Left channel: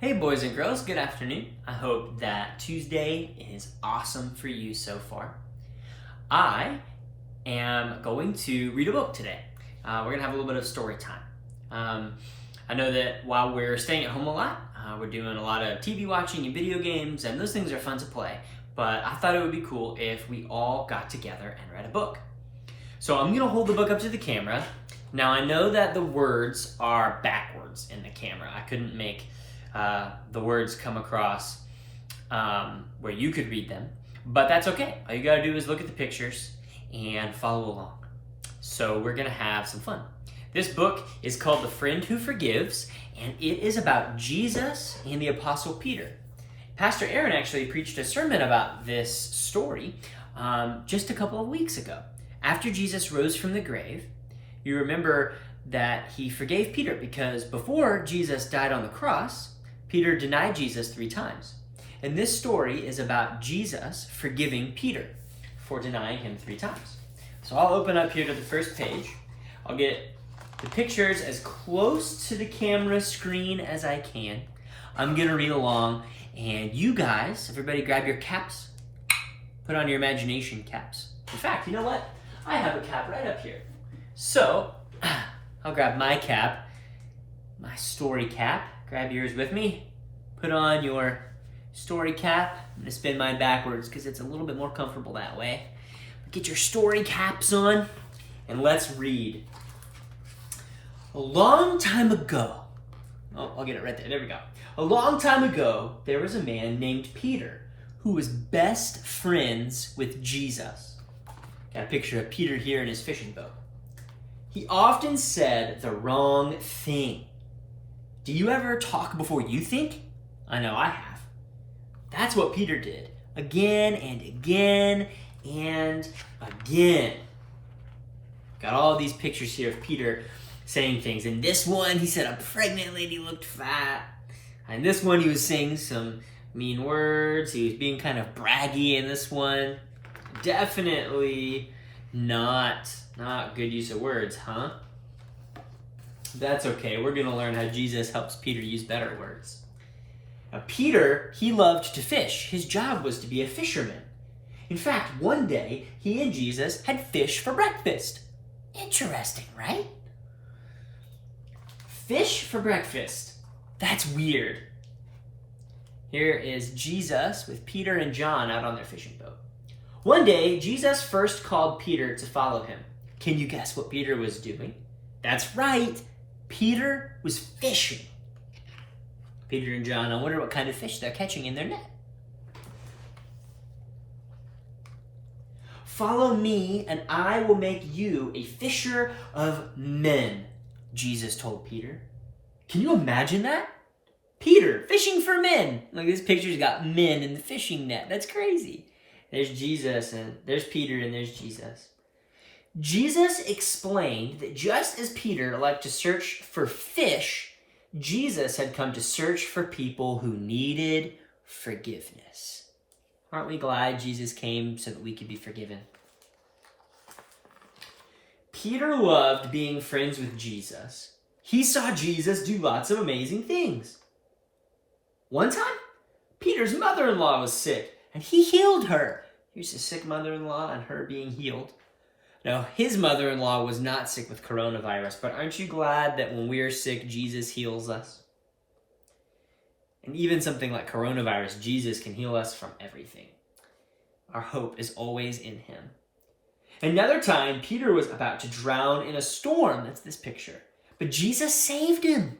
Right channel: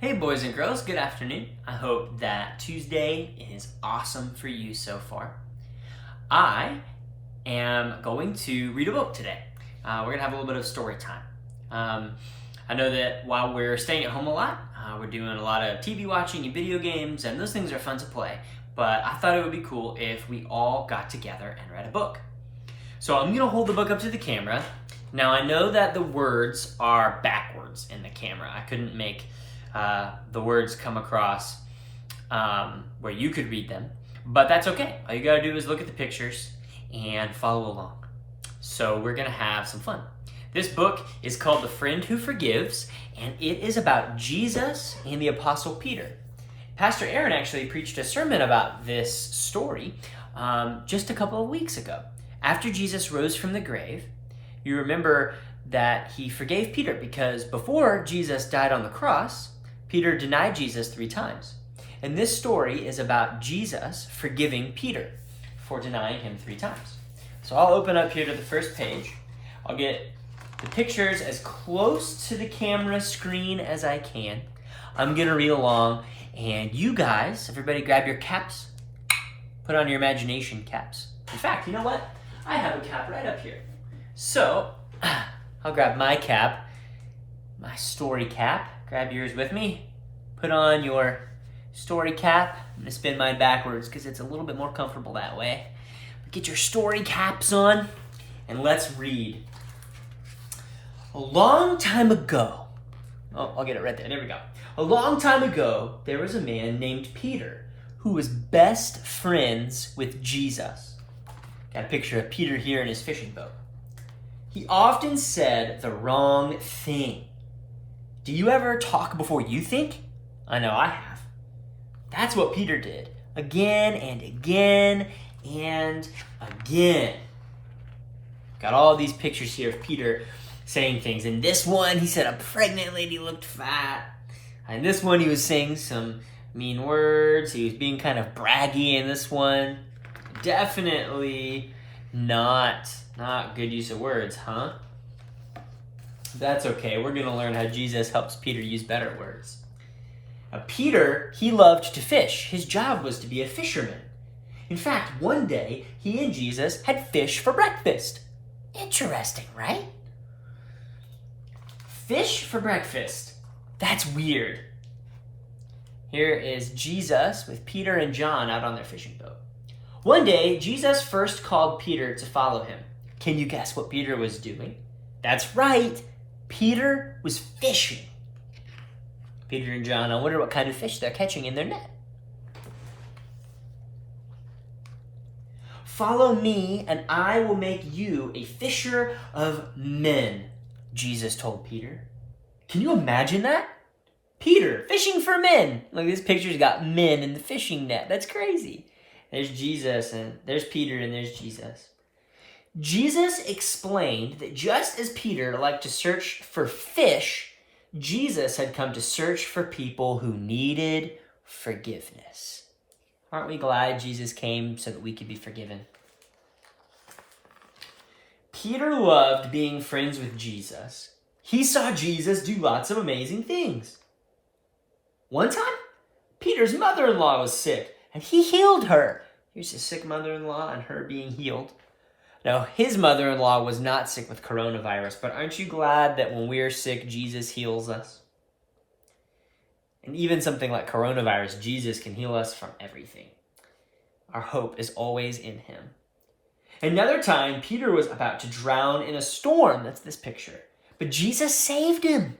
Hey boys and girls, good afternoon. I hope that Tuesday is awesome for you so far. I am going to read a book today. We're going to have a little bit of story time. I know that while we're staying at home a lot, we're doing a lot of TV watching and video games, and those things are fun to play. But I thought it would be cool if we all got together and read a book. So I'm going to hold the book up to the camera. Now I know that the words are backwards in the camera. I couldn't make the words come across where you could read them, but that's okay. All you gotta do is look at the pictures and follow along. So we're gonna have some fun. This book is called The Friend Who Forgives, and it is about Jesus and the Apostle Peter. Pastor Aaron actually preached a sermon about this story just a couple of weeks ago. After Jesus rose from the grave, you remember that he forgave Peter because before Jesus died on the cross, Peter denied Jesus 3 times. And this story is about Jesus forgiving Peter for denying him 3 times. So I'll open up here to the first page. I'll get the pictures as close to the camera screen as I can. I'm going to read along, and you guys, everybody grab your caps, put on your imagination caps. In fact, you know what? I have a cap right up here. So I'll grab my cap, my story cap. Grab yours with me. Put on your story cap. I'm going to spin mine backwards because it's a little bit more comfortable that way. Get your story caps on and let's read. A long time ago, I'll get it right there. There we go. A long time ago, there was a man named Peter who was best friends with Jesus. Got a picture of Peter here in his fishing boat. He often said the wrong thing. Do you ever talk before you think? I know I have. That's what Peter did. Again and again and again. Got all these pictures here of Peter saying things. In this one, he said a pregnant lady looked fat. In this one, he was saying some mean words. He was being kind of braggy in this one. Definitely not good use of words, huh? That's okay. We're going to learn how Jesus helps Peter use better words. Now, Peter, he loved to fish. His job was to be a fisherman. In fact, one day, he and Jesus had fish for breakfast. Interesting, right? Fish for breakfast. That's weird. Here is Jesus with Peter and John out on their fishing boat. One day, Jesus first called Peter to follow him. Can you guess what Peter was doing? That's right. Peter was fishing. Peter and John, I wonder what kind of fish they're catching in their net. Follow me, and I will make you a fisher of men, Jesus told Peter. Can you imagine that? Peter, fishing for men. Look, this picture's got men in the fishing net. That's crazy. There's Jesus, and there's Peter, and there's Jesus. Jesus explained that just as Peter liked to search for fish, Jesus had come to search for people who needed forgiveness. Aren't we glad Jesus came so that we could be forgiven? Peter loved being friends with Jesus. He saw Jesus do lots of amazing things. One time, Peter's mother-in-law was sick, and he healed her. Here's his sick mother-in-law and her being healed. Now, his mother-in-law was not sick with coronavirus, but aren't you glad that when we're sick, Jesus heals us? And even something like coronavirus, Jesus can heal us from everything. Our hope is always in him. Another time, Peter was about to drown in a storm. That's this picture. But Jesus saved him.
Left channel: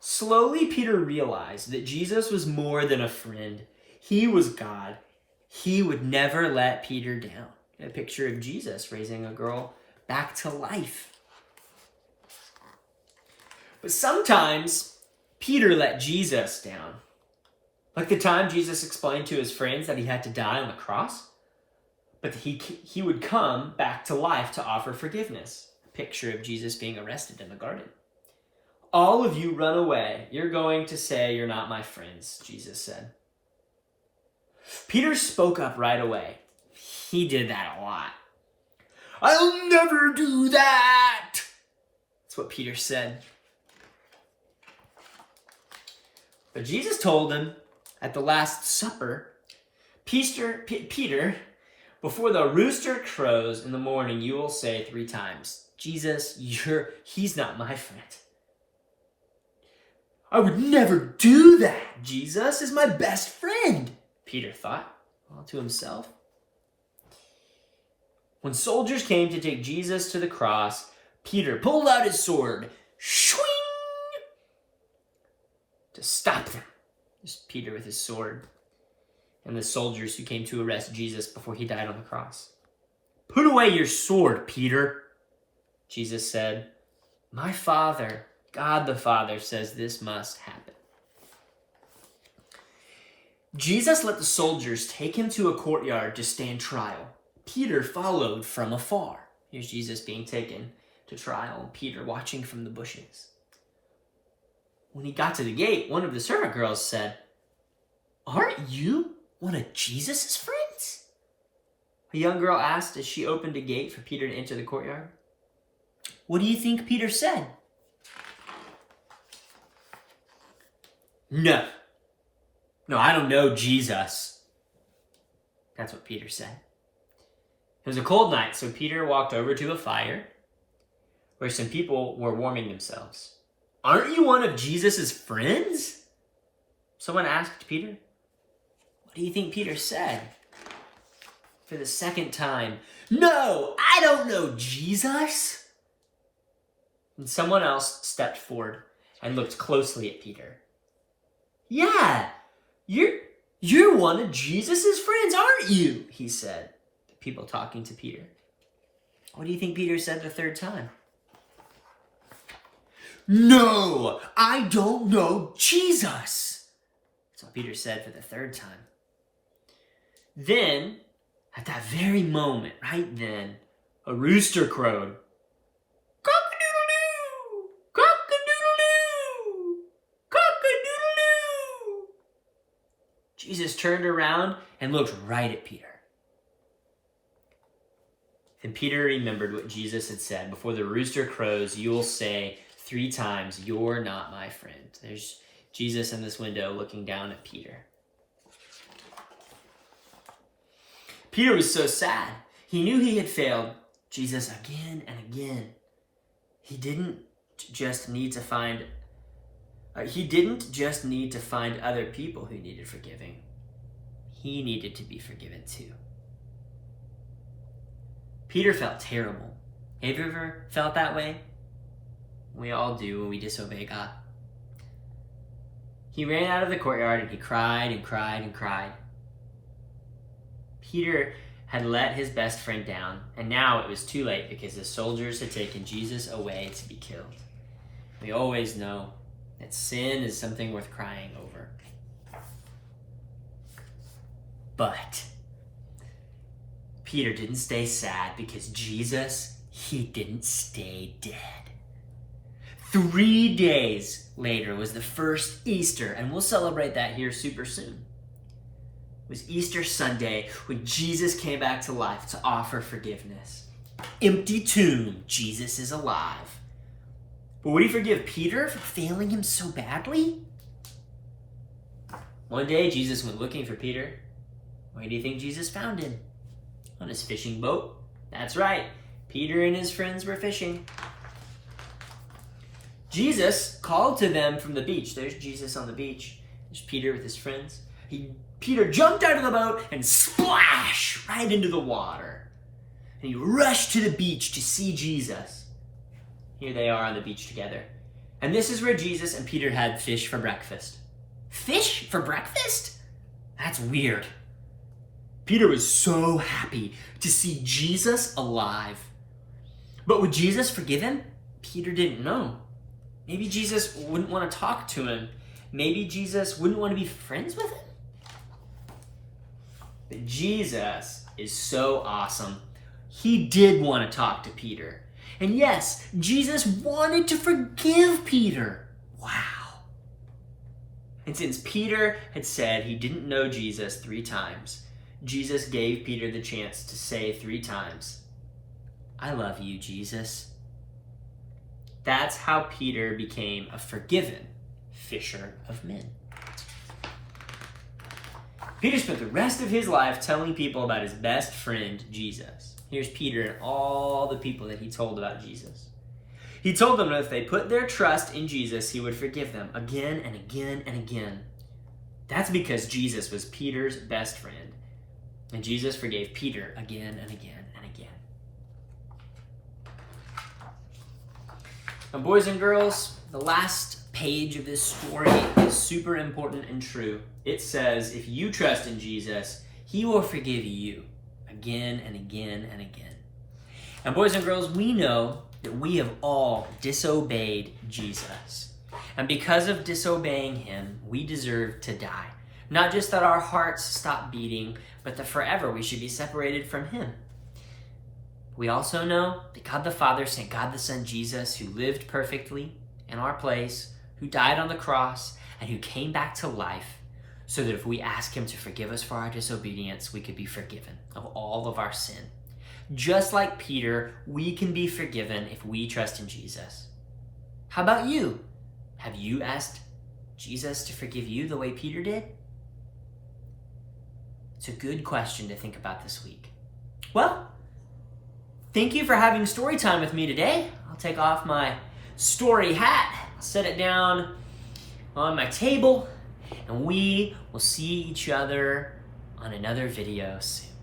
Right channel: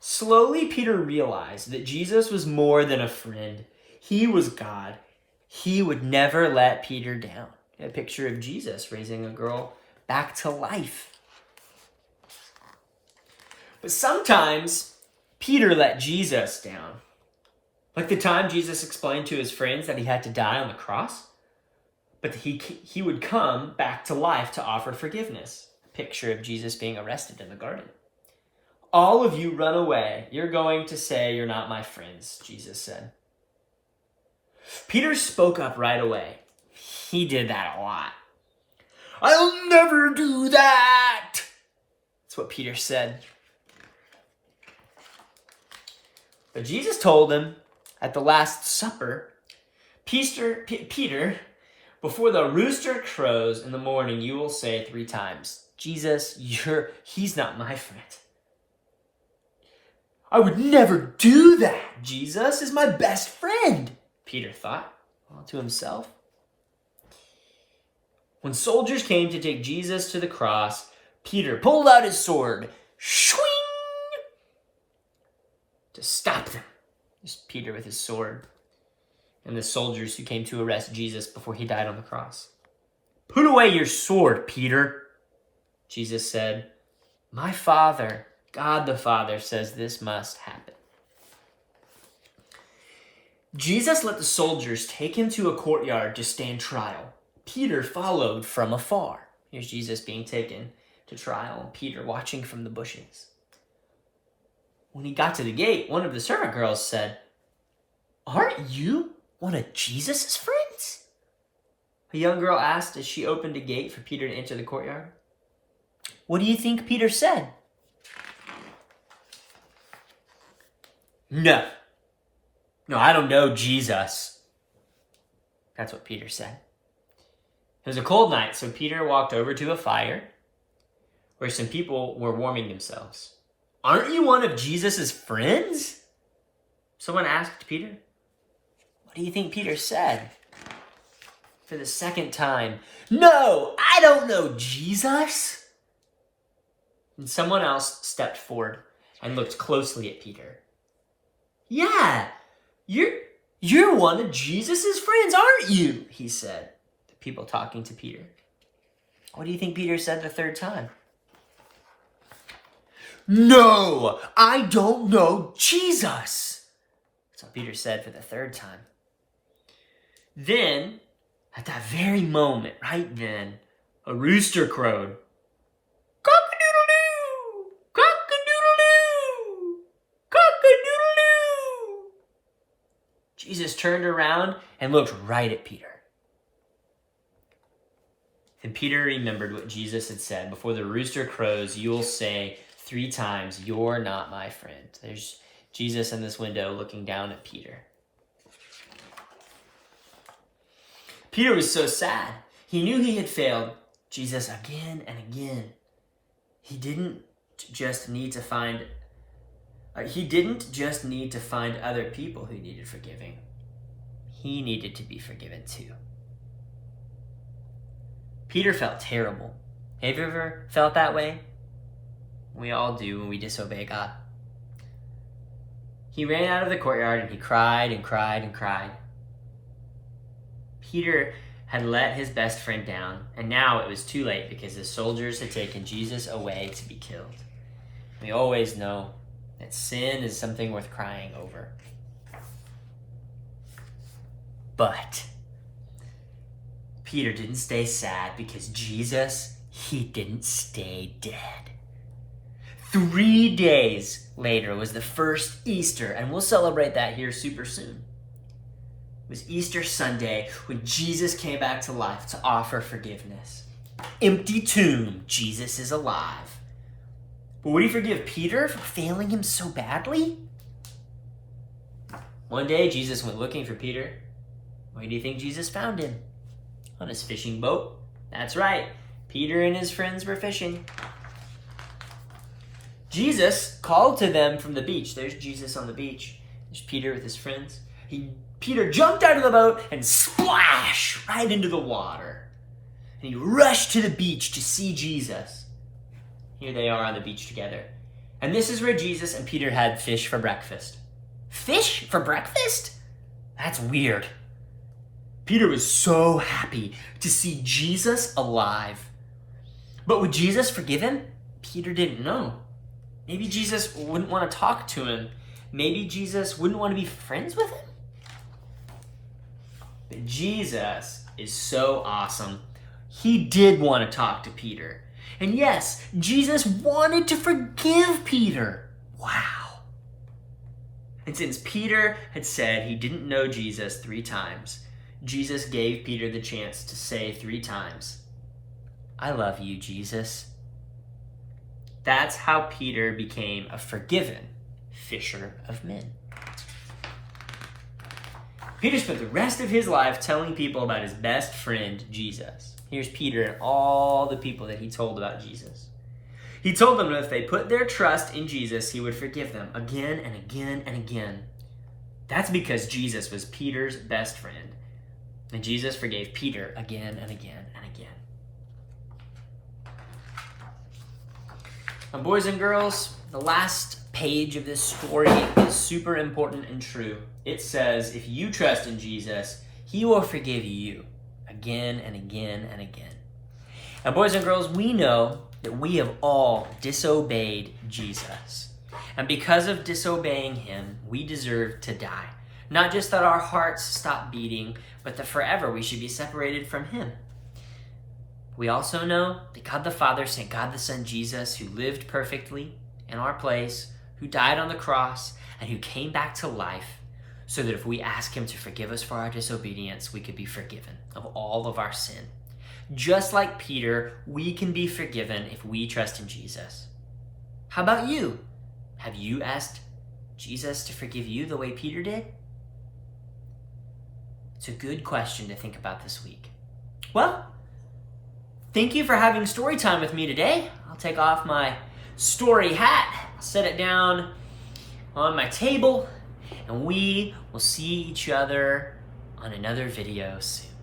Slowly, Peter realized that Jesus was more than a friend. He was God. He would never let Peter down. A picture of Jesus raising a girl back to life. But sometimes Peter let Jesus down. Like the time Jesus explained to his friends that he had to die on the cross, but he would come back to life to offer forgiveness. A picture of Jesus being arrested in the garden. All of you run away. You're going to say you're not my friends, Jesus said. Peter spoke up right away. He did that a lot. I'll never do that. That's what Peter said. But Jesus told him at the Last Supper, Peter, before the rooster crows in the morning, you will say 3 times, Jesus, he's not my friend. I would never do that. Jesus is my best friend, Peter thought, all to himself. When soldiers came to take Jesus to the cross, Peter pulled out his sword, swing, to stop them. Just Peter with his sword and the soldiers who came to arrest Jesus before he died on the cross. Put away your sword, Peter, Jesus said. My Father, God the Father, says this must happen. Jesus let the soldiers take him to a courtyard to stand trial. Peter followed from afar. Here's Jesus being taken to trial, and Peter watching from the bushes. When he got to the gate, one of the servant girls said, Aren't you one of Jesus' friends? A young girl asked as she opened a gate for Peter to enter the courtyard. What do you think Peter said? No, I don't know Jesus. That's what Peter said. It was a cold night, so Peter walked over to a fire where some people were warming themselves. Aren't you one of Jesus' friends? Someone asked Peter. What do you think Peter said? For the second time, no, I don't know Jesus. And someone else stepped forward and looked closely at Peter. Yeah, you're one of Jesus' friends, aren't you? He said. The people talking to Peter. What do you think Peter said the third time? No, I don't know Jesus. That's what Peter said for the third time. Then, at that very moment, right then, a rooster crowed. Cock-a-doodle-doo! Cock-a-doodle-doo! Cock-a-doodle-doo! Jesus turned around and looked right at Peter. And Peter remembered what Jesus had said. Before the rooster crows, you will say 3 times, you're not my friend. There's Jesus in this window looking down at Peter. Peter was so sad. He knew he had failed Jesus again and again. He didn't just need to find other people who needed forgiving. He needed to be forgiven too. Peter felt terrible. Have you ever felt that way? We all do when we disobey God. He ran out of the courtyard and he cried and cried and cried. Peter had let his best friend down, and now it was too late because the soldiers had taken Jesus away to be killed. We always know that sin is something worth crying over. But Peter didn't stay sad because Jesus, he didn't stay dead. 3 days later was the first Easter, and we'll celebrate that here super soon. It was Easter Sunday when Jesus came back to life to offer forgiveness. Empty tomb, Jesus is alive. But would he forgive Peter for failing him so badly? One day, Jesus went looking for Peter. Where do you think Jesus found him? On his fishing boat. That's right. Peter and his friends were fishing. Jesus called to them from the beach. There's Jesus on the beach. There's Peter with his friends. Peter jumped out of the boat and splashed right into the water. And he rushed to the beach to see Jesus. Here they are on the beach together. And this is where Jesus and Peter had fish for breakfast. Fish for breakfast? That's weird. Peter was so happy to see Jesus alive. But would Jesus forgive him? Peter didn't know. Maybe Jesus wouldn't want to talk to him. Maybe Jesus wouldn't want to be friends with him. But Jesus is so awesome. He did want to talk to Peter. And yes, Jesus wanted to forgive Peter. Wow. And since Peter had said he didn't know Jesus 3 times, Jesus gave Peter the chance to say 3 times, I love you, Jesus. That's how Peter became a forgiven fisher of men. Peter spent the rest of his life telling people about his best friend, Jesus. Here's Peter and all the people that he told about Jesus. He told them that if they put their trust in Jesus, he would forgive them again and again and again. That's because Jesus was Peter's best friend. And Jesus forgave Peter again and again and again. Now, boys and girls, the last page of this story is super important and true. It says, if you trust in Jesus, he will forgive you again and again and again. And boys and girls, we know that we have all disobeyed Jesus. And because of disobeying him, we deserve to die. Not just that our hearts stop beating, but that forever we should be separated from him. We also know that God the Father sent God the Son Jesus, who lived perfectly in our place, who died on the cross, and who came back to life, so that if we ask him to forgive us for our disobedience, we could be forgiven of all of our sin. Just like Peter, we can be forgiven if we trust in Jesus. How about you? Have you asked Jesus to forgive you the way Peter did? It's a good question to think about this week. Well, thank you for having story time with me today. I'll take off my story hat, set it down on my table, and we will see each other on another video soon.